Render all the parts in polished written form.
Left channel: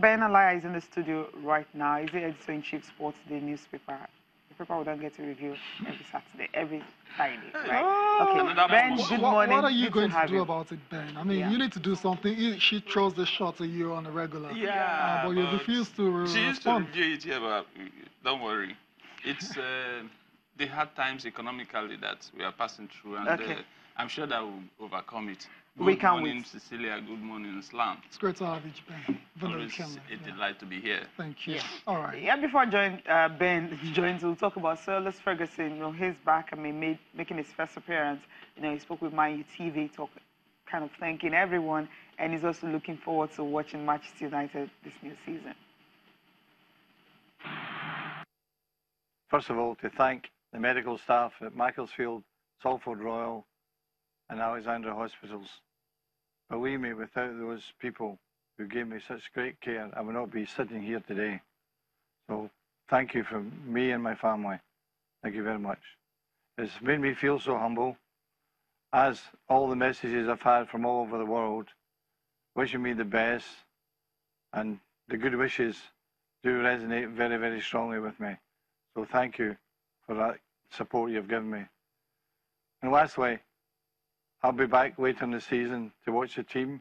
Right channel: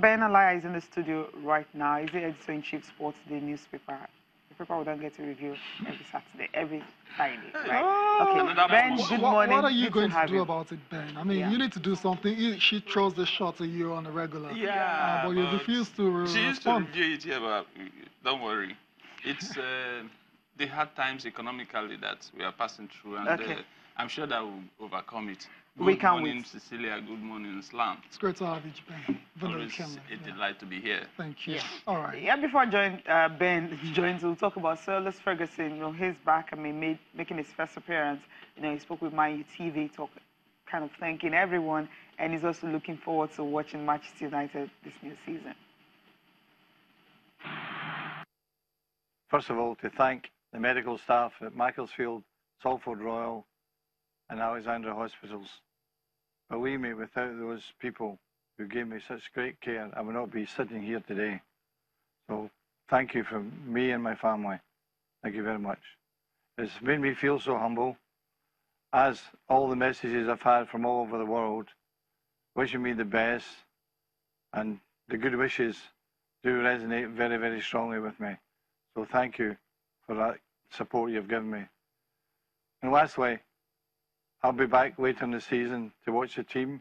Ben Alaya is in the studio right now. He's the editor-in-chief Sports Day newspaper. The paper we don't get to review every Saturday, every Friday, right? Okay, Ben, good morning. What are you going to do about it, Ben? I mean, you need to do something. She throws the shot at you on a regular. Yeah, but you refuse to She used to respond. review it here, but don't worry. It's the hard times economically that we are passing through, and I'm sure that we'll overcome it. Good morning, Cecilia. Good morning, Islam. It's great to have you, Ben. Always a delight to be here. Thank you. All right. Yeah, before Ben joins, we'll talk about Sir Alex Ferguson. You know, he's back. I mean, making his first appearance. You know, he spoke with Man U TV, kind of thanking everyone, and he's also looking forward to watching Manchester United this new season. First of all, to thank the medical staff at Macclesfield, Salford Royal, and Alexandra Hospitals. Believe me, without those people who gave me such great care, I would not be sitting here today. So thank you from me and my family. Thank you very much. It's made me feel so humble, as all the messages I've had from all over the world, wishing me the best, and the good wishes do resonate very, very strongly with me. So thank you for that support you've given me. And lastly, I'll be back later in the season to watch the team.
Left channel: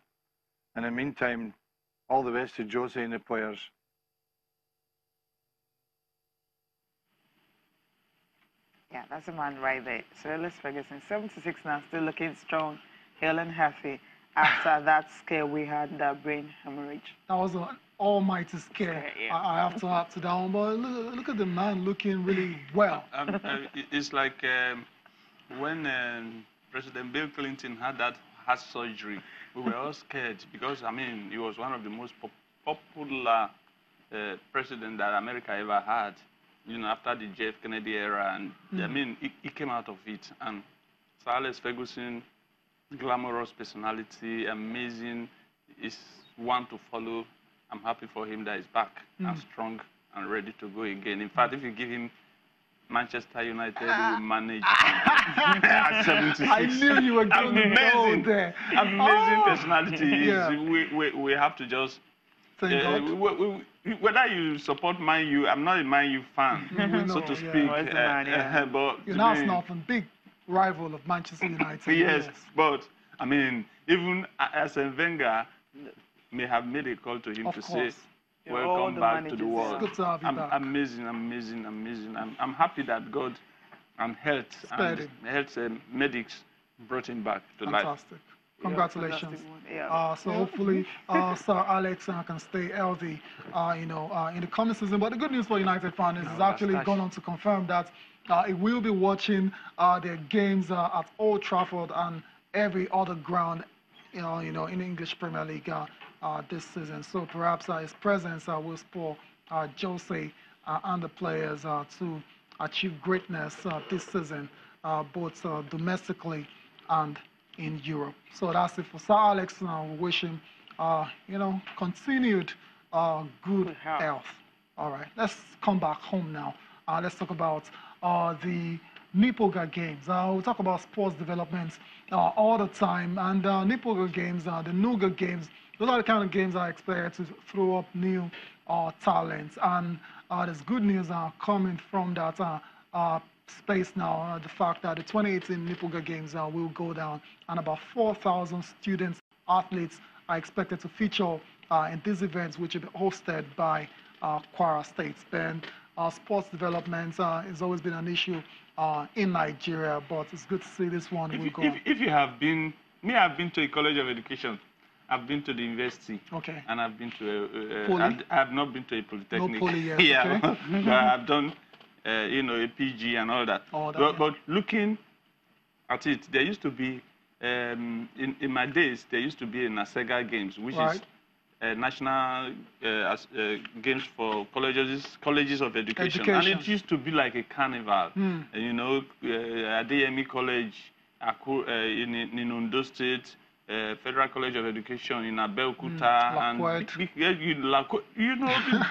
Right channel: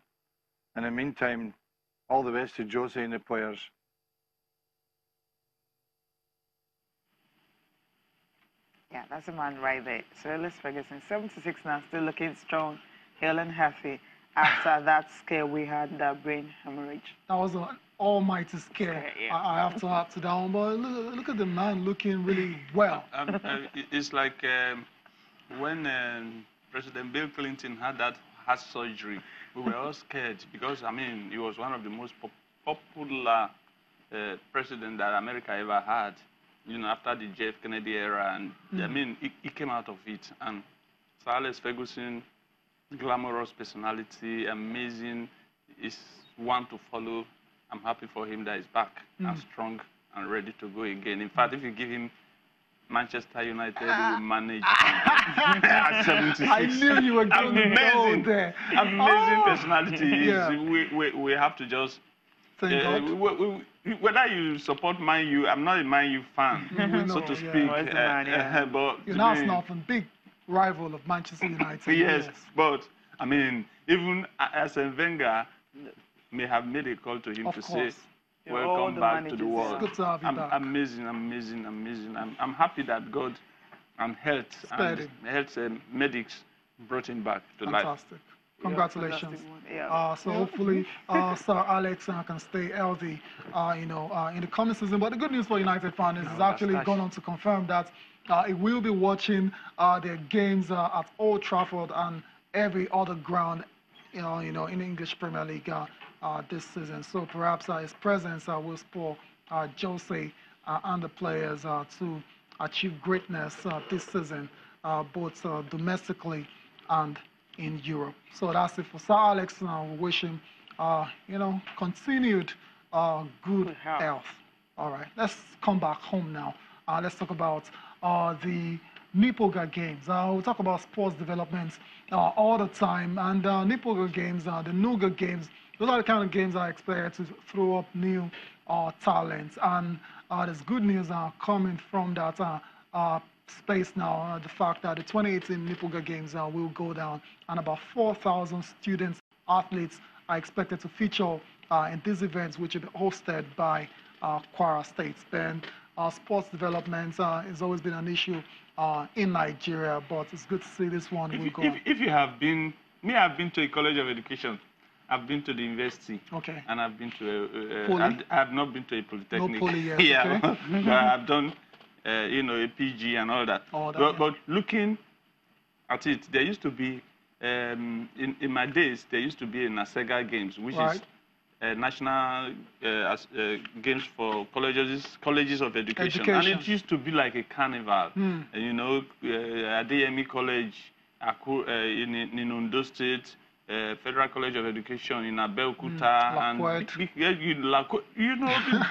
In the meantime, all the best to Josie and the players. Yeah, that's a man right there. Sir Alex Ferguson, 76 now, still looking strong, hale and healthy after that scare we had, that brain hemorrhage. That was an almighty scare. I have to add to that one, but look at the man looking really well. It's like when President Bill Clinton had that heart surgery, we were all scared because, I mean, he was one of the most popular president that America ever had, you know, after the JF Kennedy era. And I mean, he came out of it. And Sir Alex Ferguson, glamorous personality, amazing, is one to follow. I'm happy for him that he's back and strong and ready to go again. In fact, if you give him Manchester United will manage. I knew you were going to go there. Amazing personality. We have to just whether you support Man U, I'm not a Man U fan, so to speak. But you're now snuffing big rival of Manchester United. Yes, but I mean, even Arsene Wenger may have made a call to him to say, welcome back to the world. Good to have you back. Amazing. I'm happy that God and health medics brought him back to life. Fantastic. Congratulations. So hopefully Sir Alex can stay healthy, in the coming season. But the good news for United fans is actually gone on to confirm that he will be watching their games at Old Trafford and every other ground, in the English Premier League this season. So perhaps his presence will spur Jose and the players to achieve greatness this season, both domestically and in Europe. So that's it for Sir Alex. We wish him, continued good health. All right, let's come back home now. Let's talk about the NIPOGA games. We'll talk about sports developments all the time. And NIPOGA games, the NUGA games, those are the kind of games I expect to throw up new talents. And there's good news coming from that space now. The fact that the 2018 NIPOGA games will go down, and about 4,000 students, athletes are expected to feature in these events, which will be hosted by Kwara State. And sports development has always been an issue in Nigeria, but it's good to see this one will go. If you have been, I've been to a college of education. I've been to the university. Okay. And I've been to I have not been to a polytechnic. No poly yet. Yeah. Okay. But I've done, a PG and all that. But looking at it, there used to be, in my days, there used to be a NASEGA Games, which is national games for colleges of education. And it used to be like a carnival. Adeyemi College in Ondo State, Federal College of Education in Abeokuta, and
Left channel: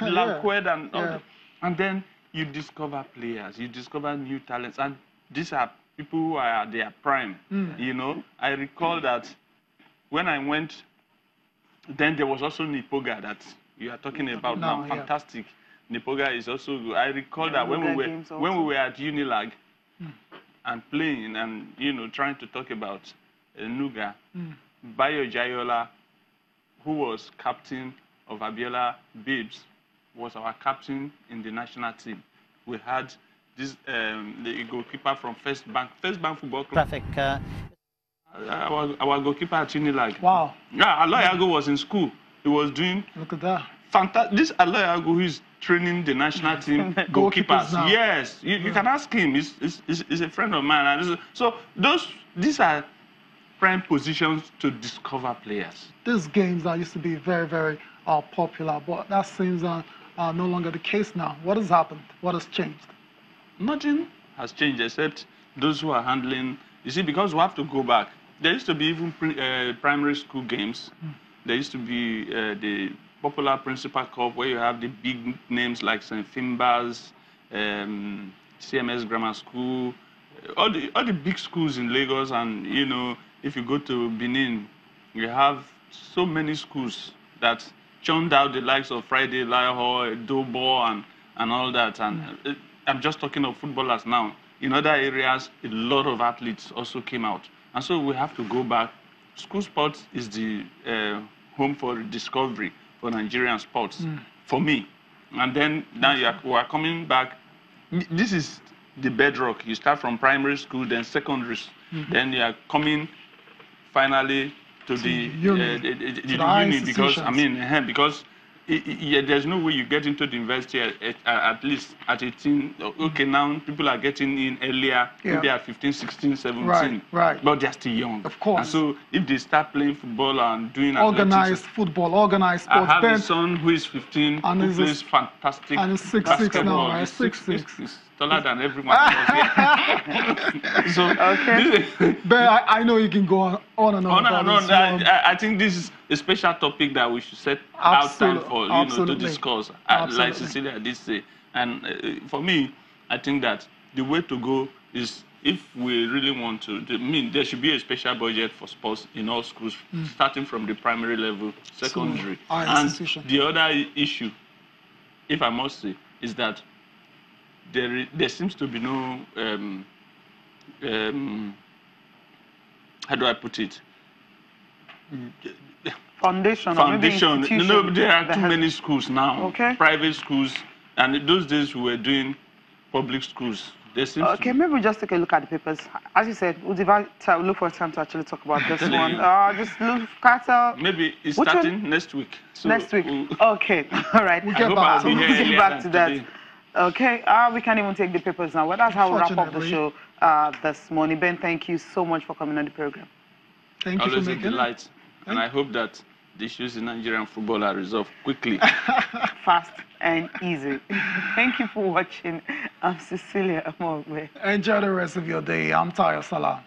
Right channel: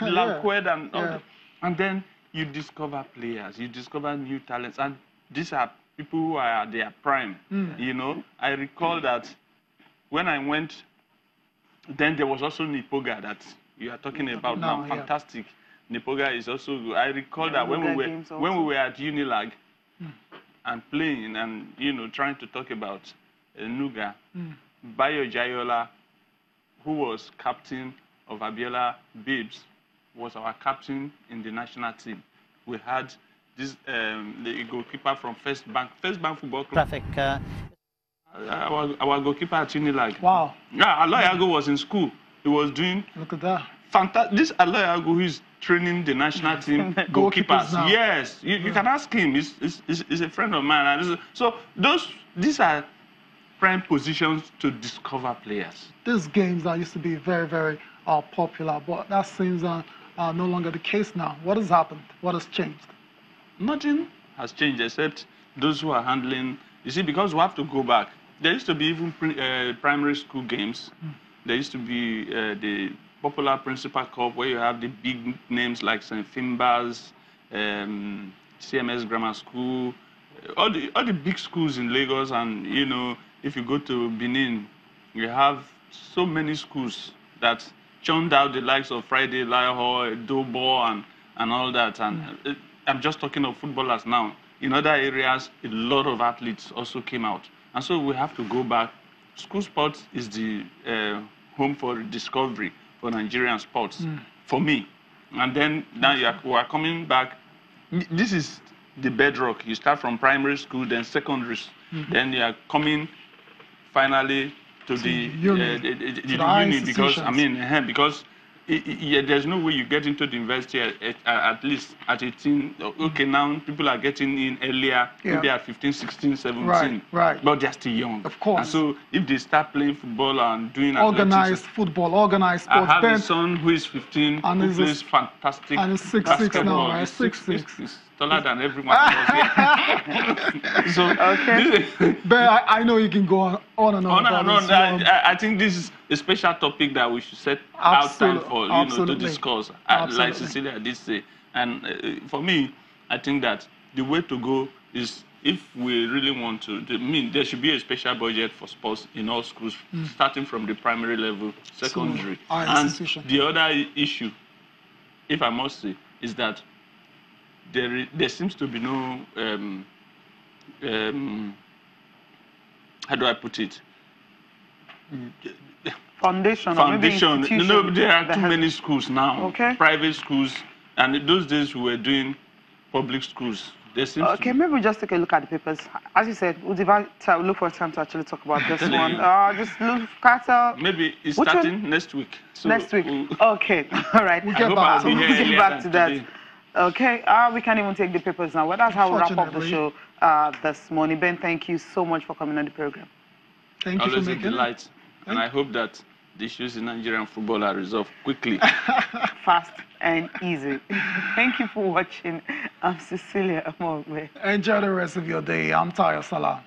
Lakwed and all that. And then you discover players, you discover new talents, and these are people who are at their prime. I recall that when I went, then there was also NIPOGA that you are talking about No, now. yeah. Fantastic. NIPOGA is also good. I recall that when NIPOGA we were at Unilag and playing and trying to talk about Nuga, Bayo Jayola, who was captain of Abiola Babes, was our captain in the national team. We had this the goalkeeper from First Bank Football Club. Traffic. Our goalkeeper at Unilag. Wow. Yeah, Aloyago was in school. He was doing Look at that. fantastic. This Aloyago who is training the national team goalkeepers. now. Yes, you can ask him. He's a friend of mine. And so these are prime positions to discover players. These games that used to be very, very popular, but that seems no longer the case now. What has happened? What has changed? Nothing has changed except those who are handling. You see, because we have to go back. There used to be even primary school games. There used to be the popular Principal Cup where you have the big names like St. Finbar's, CMS Grammar School, all the big schools in Lagos. And, if you go to Benin, you have so many schools that churned out the likes of Friday, Lahore, Dobo, and all that. And I'm just talking of footballers now. In other areas, a lot of athletes also came out. And so we have to go back. School sports is the home for discovery for Nigerian sports, for me. And then now we are coming back. This is the bedrock. You start from primary school, then secondary, then you are coming finally to the uni, because because there's no way you get into the university at least at 18. Okay, now people are getting in earlier, maybe at 15, 16, 17. Right. But they're still young. Of course. And so if they start playing football and doing organized football, organized sports. I have a son who is 15, and who plays fantastic and he's 6'6" now, right? 6'6". He's taller than everyone else here. So, But I know you can go on and on. I think this is a special topic that we should set out time for, to discuss. Like Cecilia did say. And for me, I think that the way to go is, if we really want to, there should be a special budget for sports in all schools, starting from the primary level, secondary. And the other issue, if I must say, is that there seems to be no, how do I put it? Foundation. No, there are too many schools now. Private schools, and in those days we were doing public schools. Okay, maybe we just take a look at the papers. As you said, we'll look for time to actually talk about this one. Just look at maybe it's starting next week. So next week. Okay, all right. We'll get back to that. Okay, we can't even take the papers now. Well, that's how we wrap up the show this morning. Ben, thank you so much for coming on the program. Thank you for making it. Delight. And I hope that the issues in Nigerian football are resolved quickly. Fast and easy. Thank you for watching. I'm Cecilia Amogbe. Enjoy the rest of your day. I'm Tayo Salah.